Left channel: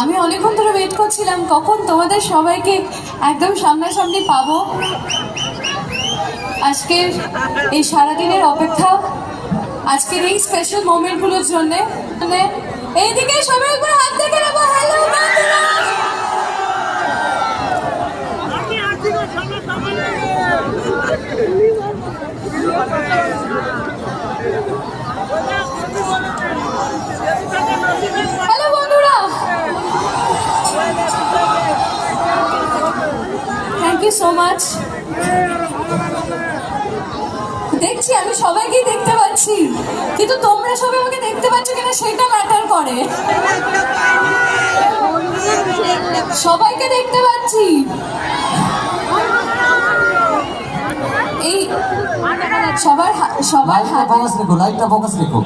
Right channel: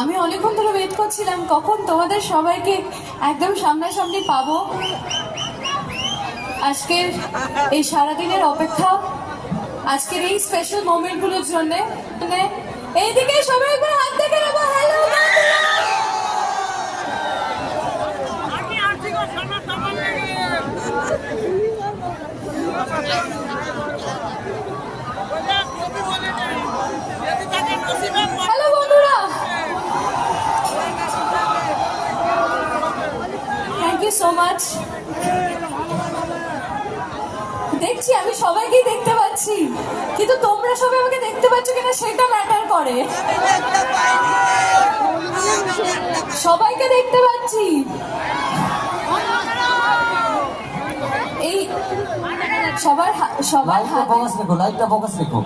আমি অনেকক্ষণ ধরে ওয়েট করছিলাম কখন তোমাদের সবাইকে একদম সামনাসামনি পাবো। আজকের এই সারাদিনের অপেক্ষা, আজকের এই স্পেশাল মোমেন্টগুলোর জন্য। এইদিকে সবাই একবার হাত দেখে নেবো। হ্যালো বন্ধুরা, থ্যাংক ইউ সো মাচ। দেখছি আমি সবাইকে দেখতে পাচ্ছি, কিন্তু তোমরা সবাই আমাকে দেখতে পাচ্ছ কিনা সেটা ম্যাটার করে। সবাইকে দেখতে পাচ্ছি। এই সবার হাতে লাইটটা ফোকাস রেখো।